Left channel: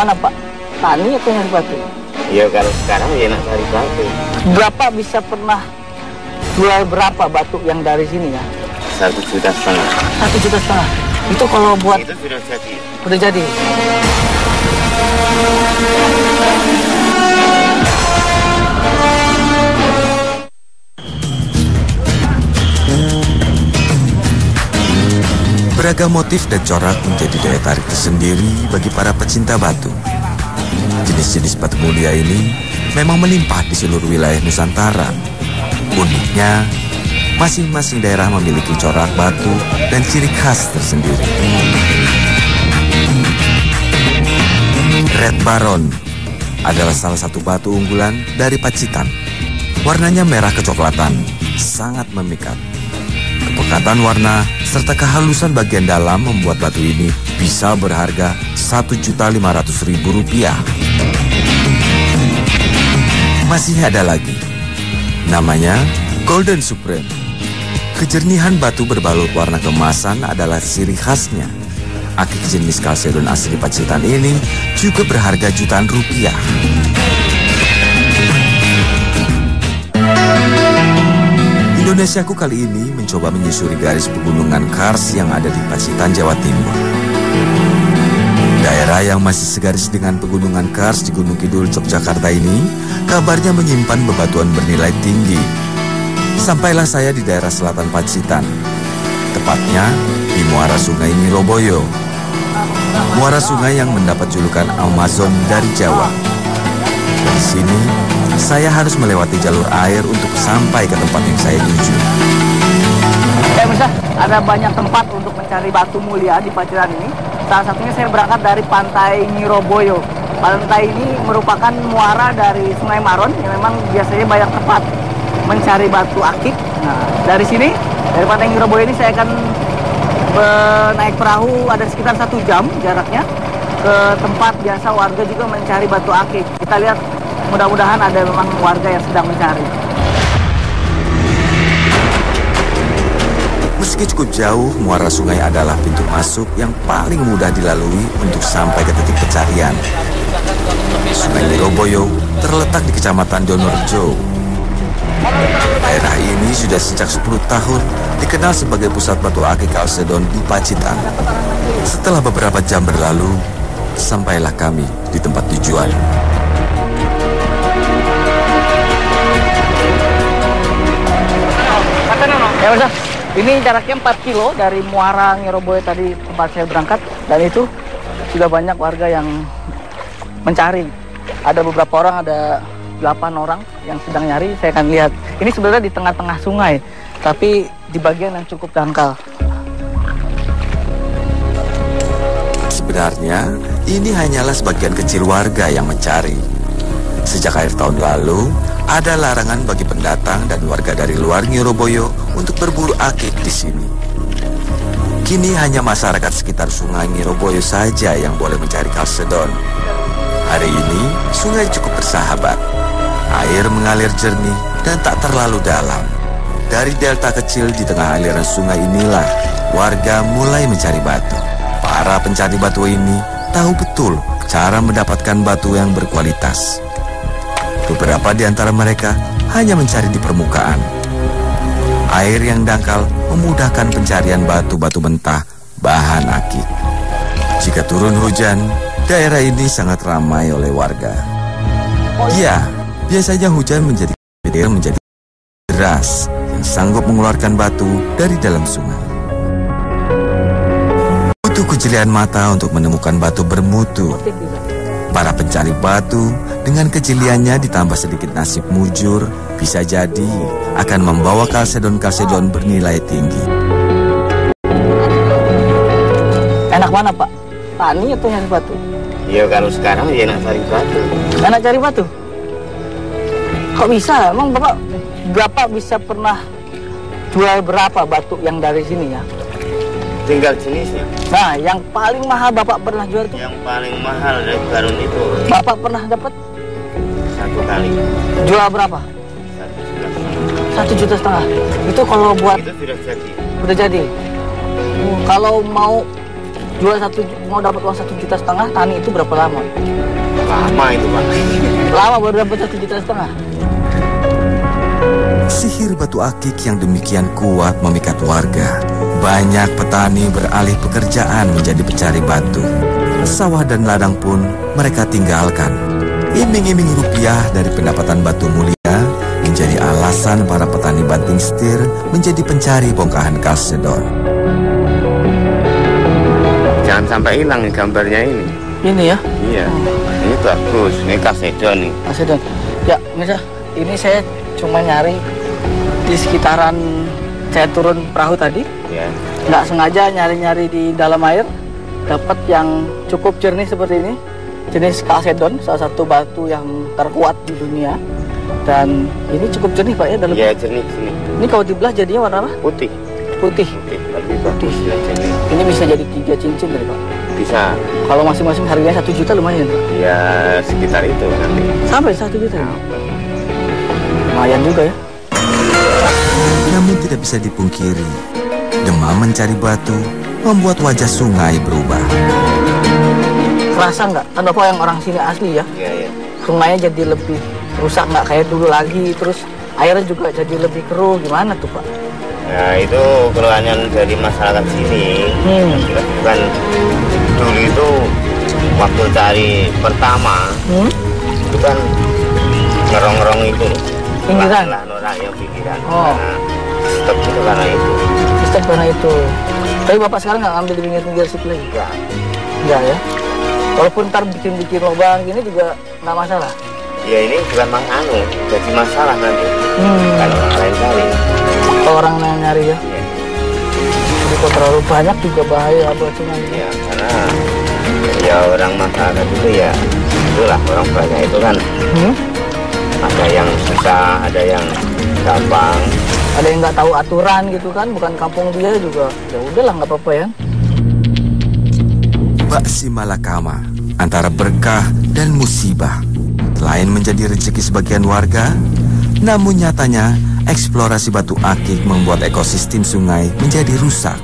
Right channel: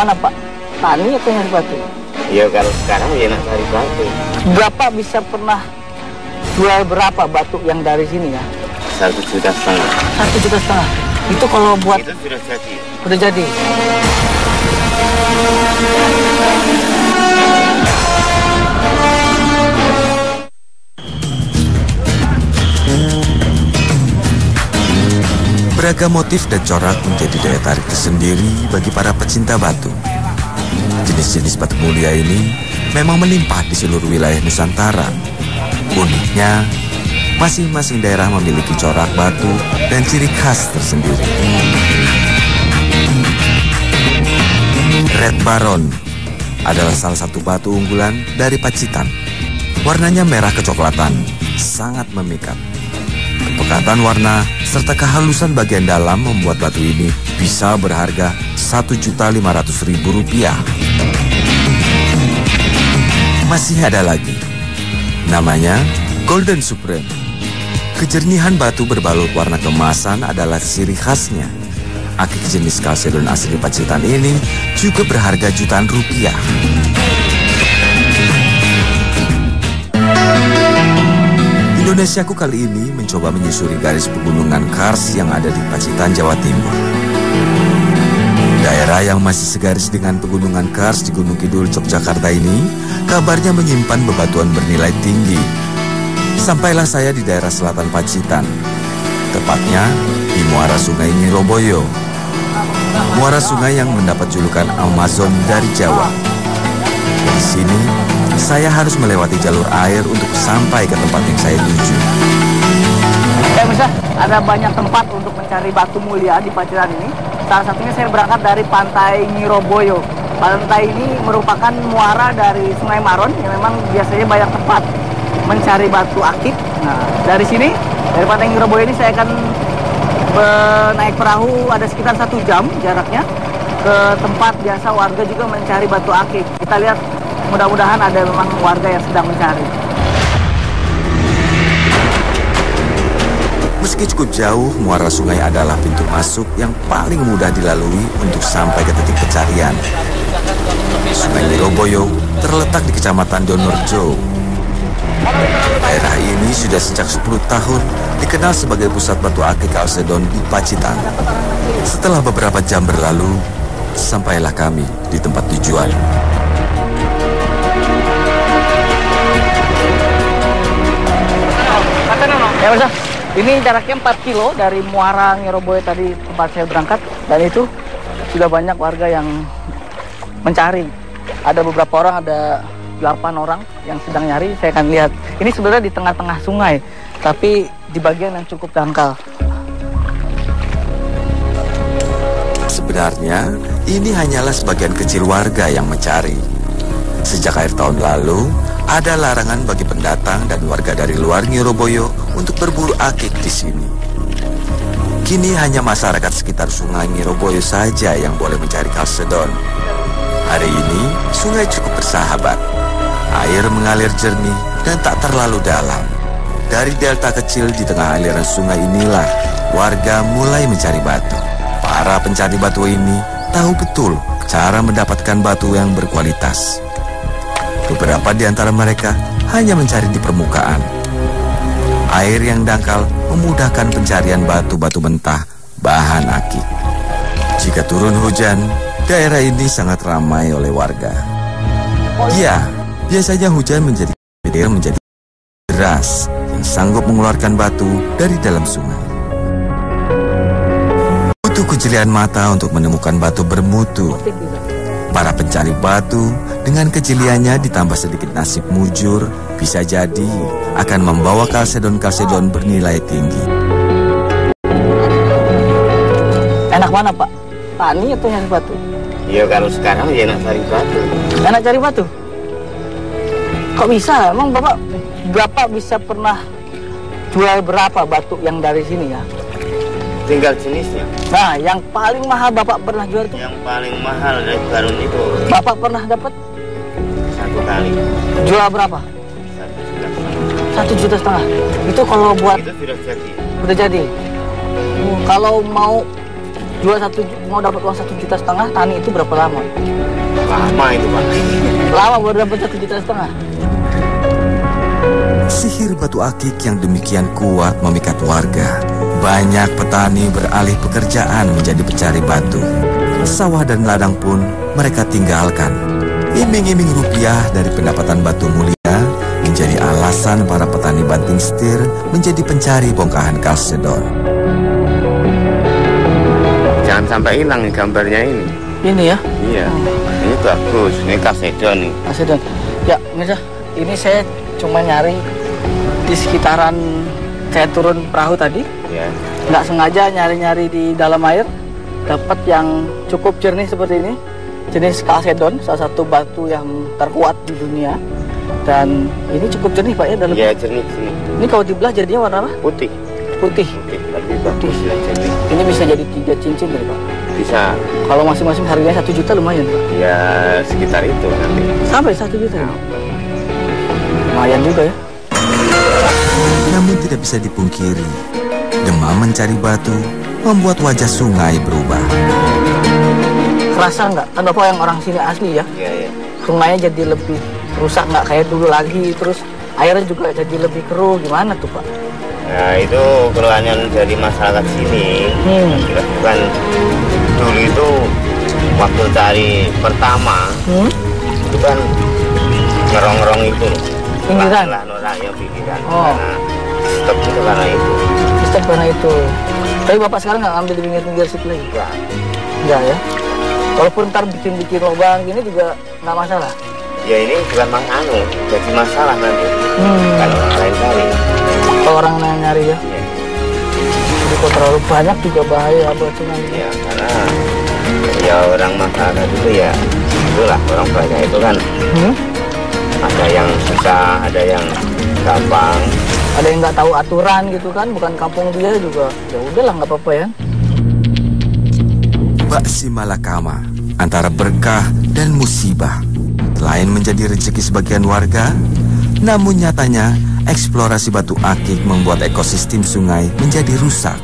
mana Pak? Tani atau nyari batu? Ya kalau sekarang ya enak cari batu. Berapa bisa pernah jual berapa batu yang dari sini ya? 1,5 juta. 1,5 juta. Itu kalau buat Itu sudah jadi. udah jadi. Beragam motif dan corak menjadi daya tarik tersendiri bagi para pecinta batu. Jenis-jenis batu mulia ini memang menimpa di seluruh wilayah Nusantara. Uniknya, masing-masing daerah memiliki corak batu dan ciri khas tersendiri. Red Baron adalah salah satu batu unggulan dari Pacitan. Warnanya merah kecoklatan, sangat memikat. Kepekatan warna serta kehalusan bagian dalam membuat batu ini bisa berharga Rp1.500.000. Masih ada lagi, namanya Golden Supreme. Kejernihan batu berbalut warna keemasan adalah ciri khasnya. Akik jenis kalsedon asli Pacitan ini juga berharga jutaan rupiah. Indonesiaku kali ini mencoba menyusuri garis pegunungan Kars yang ada di Pacitan, Jawa Timur. Daerah yang masih segaris dengan pegunungan Kars di Gunung Kidul, Yogyakarta ini kabarnya menyimpan bebatuan bernilai tinggi. Sampailah saya di daerah selatan Pacitan, tepatnya di muara Sungai Nyiroboyo. Muara sungai yang mendapat julukan Amazon dari Jawa. Di sini, saya harus melewati jalur air untuk sampai ke tempat yang saya tuju. Ya bisa, ada banyak tempat untuk mencari batu mulia di Pacitan ini. Salah satunya saya berangkat dari Pantai Nyiroboyo. Pantai ini merupakan muara dari Sungai Maron yang memang biasanya banyak tempat mencari batu akik. Dari sini, dari Pantai Nyiroboyo ini saya akan naik perahu ada sekitar 1 jam jaraknya ke tempat biasa warga juga mencari batu akik. Kita lihat, mudah-mudahan ada memang warga yang sedang mencari. Meski cukup jauh, muara sungai adalah pintu masuk yang paling mudah dilalui untuk sampai ke titik pencarian. Sungai Nyiroboyo terletak di Kecamatan Donorjo. Daerah ini sudah sejak 10 tahun dikenal sebagai pusat batu akik kalsedon di Pacitan. Setelah beberapa jam berlalu, sampailah kami di tempat tujuan. Ya bisa, ini jaraknya 4 kilo dari muara Nyiroboyo tadi tempat saya berangkat. Dan itu sudah banyak warga yang mencari. Ada beberapa orang, ada 8 orang yang sedang nyari. Saya akan lihat, ini sebenarnya di tengah-tengah sungai, tapi di bagian yang cukup dangkal. Sebenarnya, ini hanyalah sebagian kecil warga yang mencari. Sejak akhir tahun lalu, ada larangan bagi pendatang dan warga dari luar Nyiroboyo untuk berburu akik di sini. Kini hanya masyarakat sekitar Sungai Nyiroboyo saja yang boleh mencari kalsedon. Hari ini, sungai cukup bersahabat. Air mengalir jernih dan tak terlalu dalam. Dari delta kecil di tengah aliran sungai inilah, warga mulai mencari batu. Para pencari batu ini tahu betul cara mendapatkan batu yang berkualitas. Beberapa di antara mereka hanya mencari di permukaan. Air yang dangkal memudahkan pencarian batu-batu mentah bahan akik. Jika turun hujan, daerah ini sangat ramai oleh warga. Ya, biasanya hujan menjadi deras yang sanggup mengeluarkan batu dari dalam sungai. Butuh kejelian mata untuk menemukan batu bermutu. Para pencari batu dengan kejeliannya ditambah sedikit nasib mujur, bisa jadi akan membawa kalsedon-kalsedon bernilai tinggi. Enak mana Pak? Tani atau nyari batu? Ya kalau sekarang ya enak cari batu. Enak cari batu? Kok bisa? Emang Bapak berapa bisa pernah jual berapa batu yang dari sini ya? Tinggal jenisnya. Nah, yang paling mahal Bapak pernah jual itu? Yang paling mahal dari Garun itu Bapak pernah dapat 1 kali. jual berapa? 1,5 juta. Itu kalau buat Itu sudah jadi. udah jadi. Kalau mau mau dapat uang 1,5 juta tani itu berapa lama? Lama itu Pak. Lama baru dapat 1,5 juta. Sihir batu akik yang demikian kuat memikat warga. Banyak petani beralih pekerjaan menjadi pencari batu. Sawah dan ladang pun mereka tinggalkan. Iming-iming rupiah dari pendapatan batu mulia menjadi alasan para petani banting setir menjadi pencari bongkahan kalsedon. Jangan sampai hilang nih gambarnya ini. Ini ya? Iya. Ini bagus. Ini kalsedon nih. Kalsedon. Ya, Mirza, ini saya cuma nyari di sekitaran saya turun perahu tadi. Ya. Nggak sengaja nyari-nyari di dalam air, dapat yang cukup jernih seperti ini. Jenis kalsedon, salah satu batu yang terkuat di dunia. Dan ini cukup jernih Pak ya dalam. Iya, jernih. Ini kalau dibelah jadinya warna apa? Putih. Putih. Bagus ya. Ini bisa jadi 3 cincin ya Pak? Bisa. Kalau masing-masing harganya 1 juta lumayan Pak? Ya, sekitar itu nanti. Sampai 1 juta? Lumayan juga ya. Namun tidak bisa dipungkiri, demam mencari batu membuat wajah sungai berubah. Rasa nggak? Kan Bapak yang orang sini asli ya? Iya, iya. Sungainya jadi lebih rusak, nggak kayak dulu lagi. Terus airnya juga jadi lebih keruh. Gimana tuh Pak? Nah, itu keluhannya dari masyarakat sini. Kan dulu itu waktu cari pertama itu kan ngerong-ngerong itu Pinggiran? Nolaknya pinggiran. Oh. Stop itu karena itu. Stop karena itu. Tapi Bapak sekarang nggak ngambil di pinggir-pinggir situ lagi? Enggak. Enggak ya? Walaupun ntar bikin-bikin lubang gini juga nggak masalah? Ya ini bukan masalah, jadi masalah nanti kalau orang lain cari. Kalau orang nyari ya? Ya, Jadi kalau terlalu banyak juga bahaya buat sungai. ya karena ya orang masyarakat itu ya itulah orang banyak itu kan ada yang susah, ada yang gampang. Ada yang nggak tahu aturan gitu kan, bukan kampung dia juga. Ya udahlah nggak apa-apa ya. Bak si malakama antara berkah dan musibah. Selain menjadi rezeki sebagian warga, namun nyatanya eksplorasi batu akik membuat ekosistem sungai menjadi rusak.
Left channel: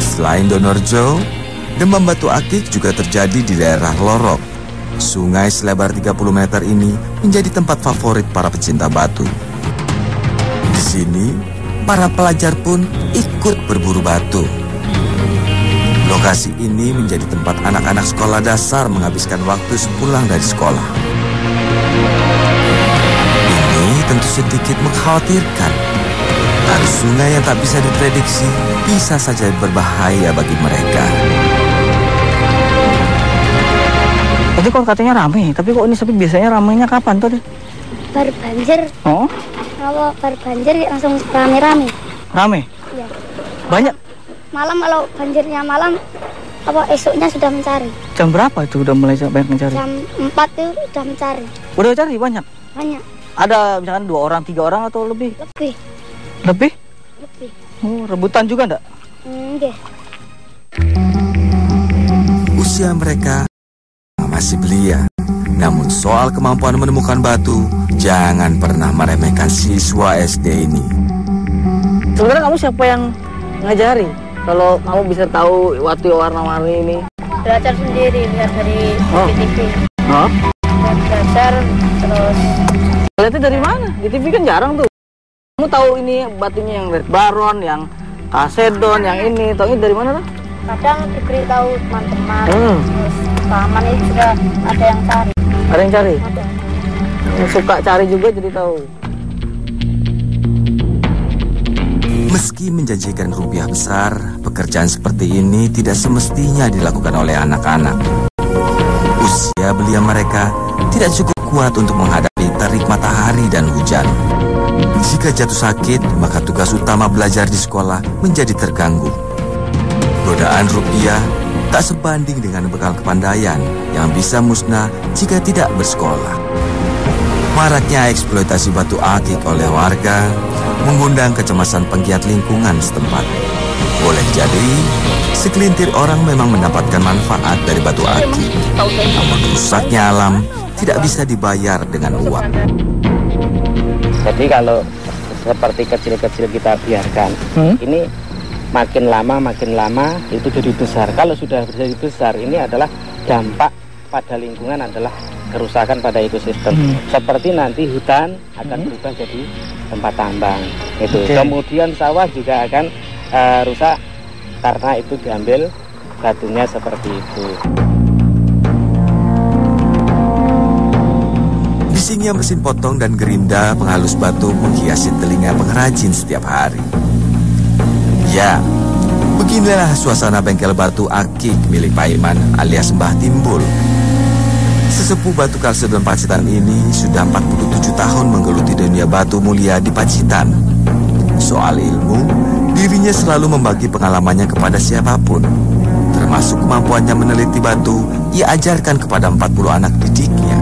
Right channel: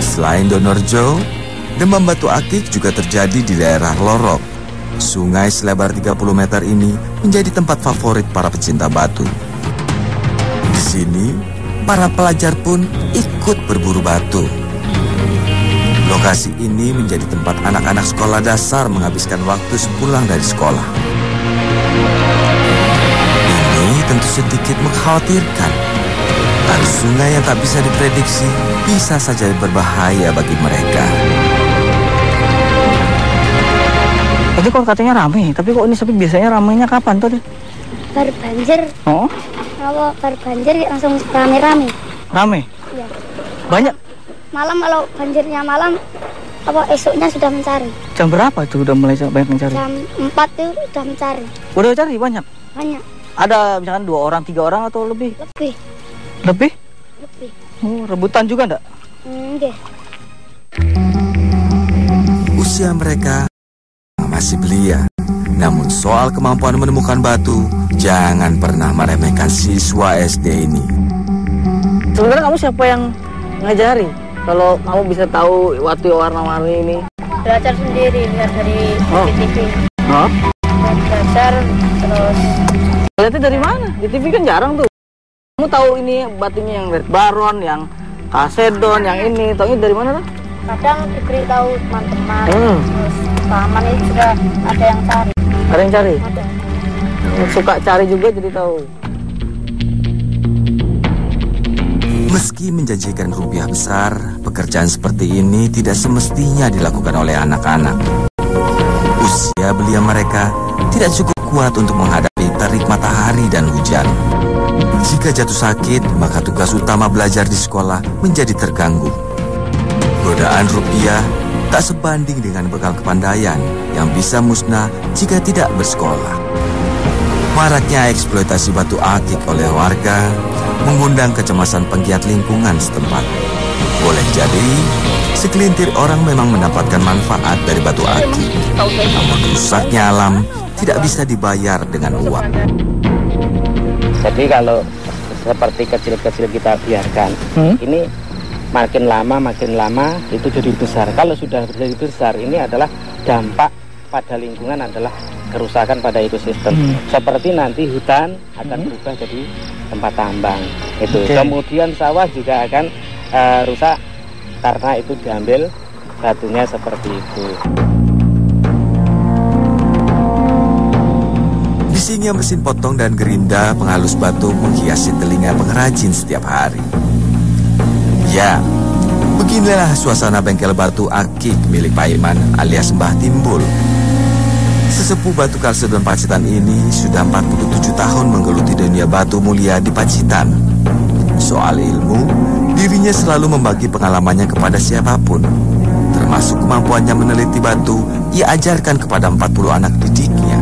Selain Donorjo, demam batu akik juga terjadi di daerah Lorok. Sungai selebar 30 meter ini menjadi tempat favorit para pecinta batu. Di sini, para pelajar pun ikut berburu batu. Lokasi ini menjadi tempat anak-anak sekolah dasar menghabiskan waktu sepulang dari sekolah. Ini tentu sedikit mengkhawatirkan. Arus sungai yang tak bisa diprediksi bisa saja berbahaya bagi mereka. Jadi kok katanya rame, tapi kok ini sepi? Biasanya ramenya kapan tuh deh? Bar banjir. Oh? Kalau bar banjir ya langsung rame-rame. Rame? Iya. Banyak? Malam kalau banjirnya malam, apa esoknya sudah mencari. Jam berapa itu udah mulai sampai mencari? Jam 4 itu sudah mencari. Udah cari banyak? Banyak. Ada misalkan 2 orang, 3 orang atau lebih? Lebih. Lebih? Oh, rebutan juga enggak? Enggak. Usia mereka masih belia. Namun soal kemampuan menemukan batu, jangan pernah meremehkan siswa SD ini. Sebenarnya kamu siapa yang ngajari? Kalau kamu bisa tahu waktu warna-warni ini? Belajar sendiri, lihat dari TV. Hah? Belajar terus. Lihatnya dari mana? Di TV kan jarang tuh. Kamu tahu ini batunya yang red baron, yang kalsedon, yang ini. Tahu dari mana tuh? Kadang diberitahu teman-teman. Terus paman itu juga ada yang cari. Ada yang cari? Ada. Suka cari juga jadi tahu. Meski menjanjikan rupiah besar, pekerjaan seperti ini tidak semestinya dilakukan oleh anak-anak. Usia belia mereka tidak cukup kuat untuk menghadapi terik matahari dan hujan. Jika jatuh sakit, maka tugas utama belajar di sekolah menjadi terganggu. Godaan rupiah tak sebanding dengan bekal kepandaian yang bisa musnah jika tidak bersekolah. Maraknya eksploitasi batu akik oleh warga mengundang kecemasan penggiat lingkungan setempat. Boleh jadi, segelintir orang memang mendapatkan manfaat dari batu akik. Rusaknya alam tidak bisa dibayar dengan uang. Jadi kalau seperti kecil-kecil kita biarkan, ini makin lama itu jadi besar. Kalau sudah jadi besar, ini adalah dampak pada lingkungan, adalah kerusakan pada ekosistem. Seperti nanti hutan akan berubah jadi tempat tambang gitu. Kemudian sawah juga akan rusak karena itu diambil batunya seperti itu. Bisingnya mesin potong dan gerinda penghalus batu menghiasi telinga pengrajin setiap hari. Ya, beginilah suasana bengkel batu akik milik Pak Iman alias Mbah Timbul. Sesepuh batu Kalsedon Pacitan ini sudah 47 tahun menggeluti dunia batu mulia di Pacitan. Soal ilmu, dirinya selalu membagi pengalamannya kepada siapapun. Termasuk kemampuannya meneliti batu, ia ajarkan kepada 40 anak didiknya.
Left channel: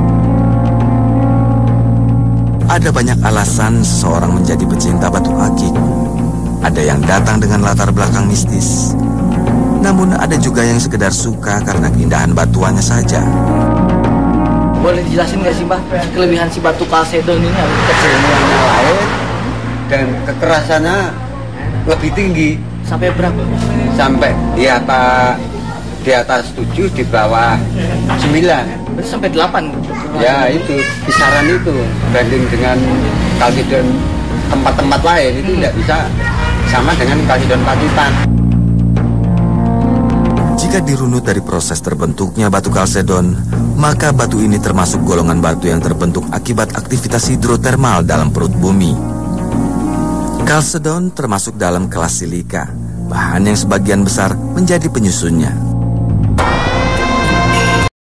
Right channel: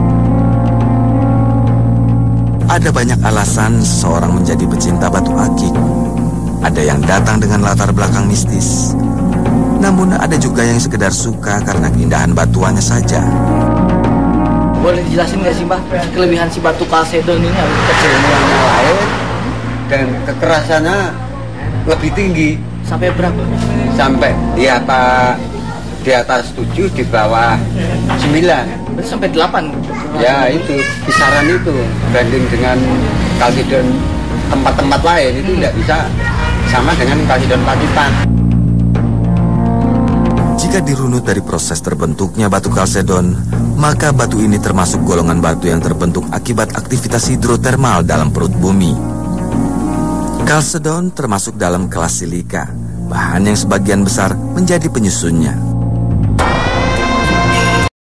Ada banyak alasan seseorang menjadi pecinta batu akik. Ada yang datang dengan latar belakang mistis. Namun ada juga yang sekedar suka karena keindahan batuannya saja. Boleh dijelasin nggak sih Mbah, kelebihan si batu Kalsedon ini harus Kecilnya yang lain dan kekerasannya lebih tinggi. sampai berapa? Sampai di atas 7, di bawah 9. Sampai 8. Ya itu, kisaran itu. Banding dengan Kalsedon tempat-tempat lain itu tidak bisa sama dengan Kalsedon Pacitan. Jika dirunut dari proses terbentuknya batu Kalsedon, maka batu ini termasuk golongan batu yang terbentuk akibat aktivitas hidrotermal dalam perut bumi. Kalsedon termasuk dalam kelas silika, bahan yang sebagian besar menjadi penyusunnya.